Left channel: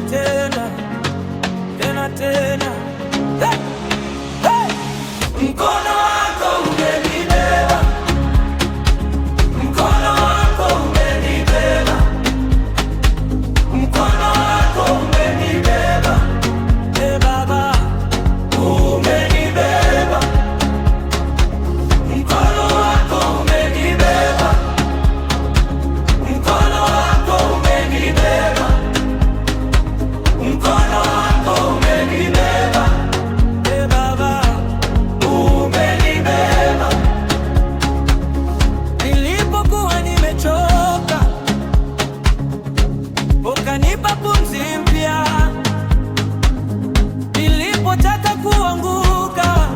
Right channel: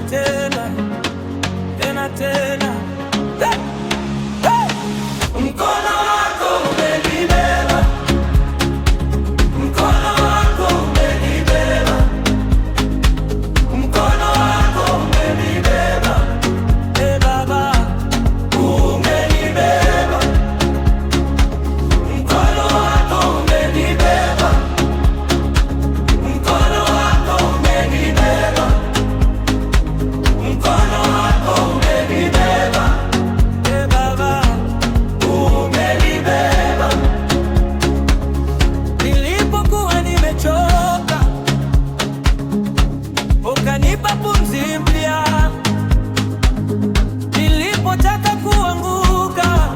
tena tena tena tena. Hey! Hey! Mkono wako umenibeba, mkono wako umenibeba, mkono wako umenibeba. Hey Baba, umenibeba, mkono wako umenibeba, mkono wako umenibeba, mkono wako umenibeba. Hey Baba, umenibeba. Nilipokuwa nimechoka, ukanipa pumzi mpya. Nilipotaka kuanguka,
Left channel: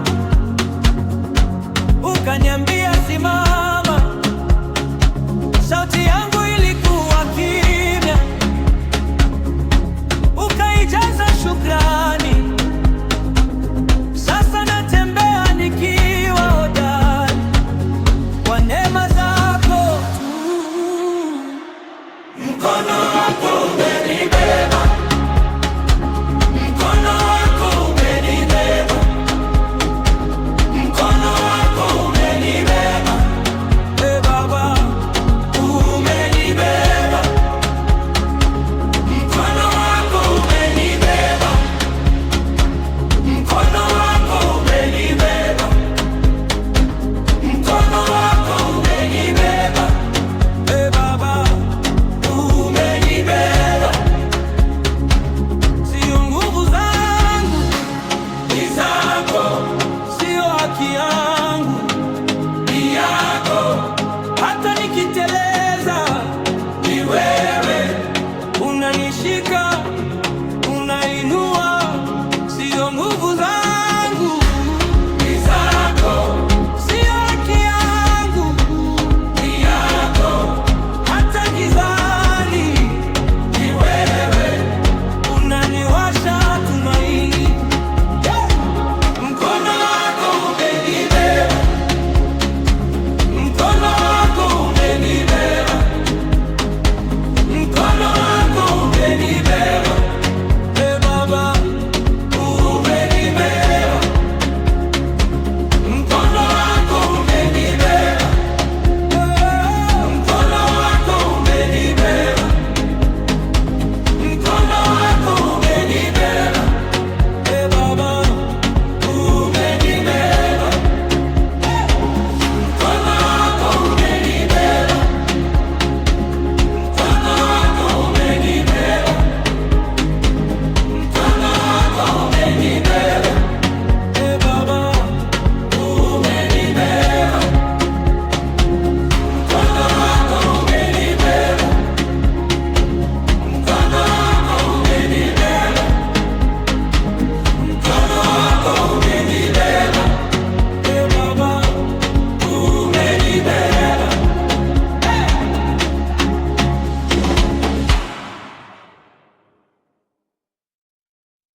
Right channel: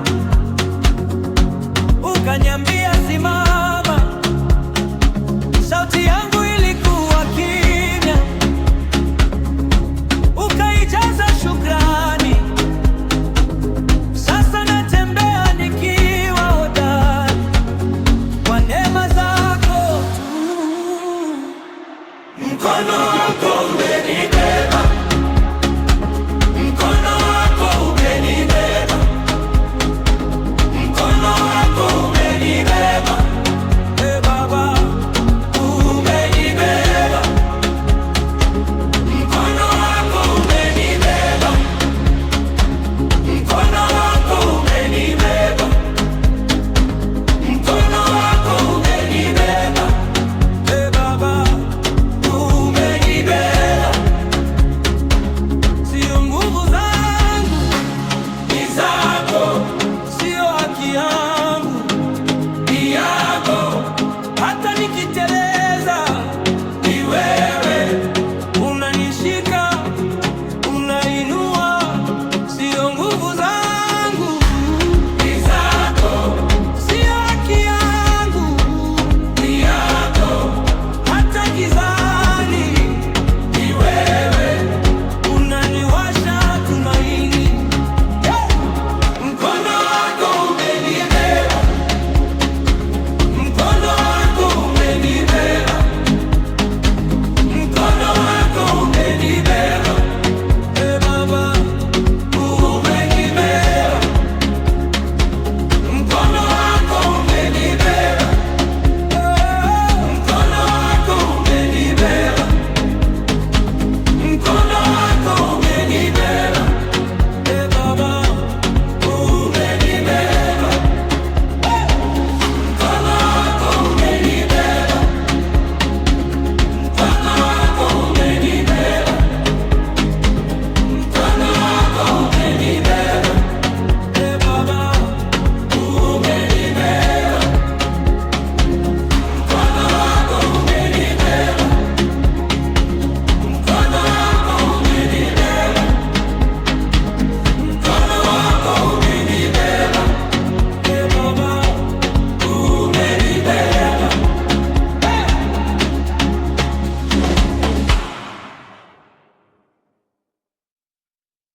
ukaniambia simama. Sauti yangu ilikuwa kimya, ukaijaza shukrani. Sasa natembea nikiwa hodari kwa neema zako tu. Mkono wako umenibeba, mkono wako umenibeba, mkono wako umenibeba. Hey Baba, umenibeba, mkono wako umenibeba, mkono wako umenibeba, mkono wako umenibeba. Hey Baba, umenibeba. Sio nguvu zangu, ni zako. Sio haki yangu, ni yako. Hata nikiteleza, ni wewe unanishika, unainua. Sio nguvu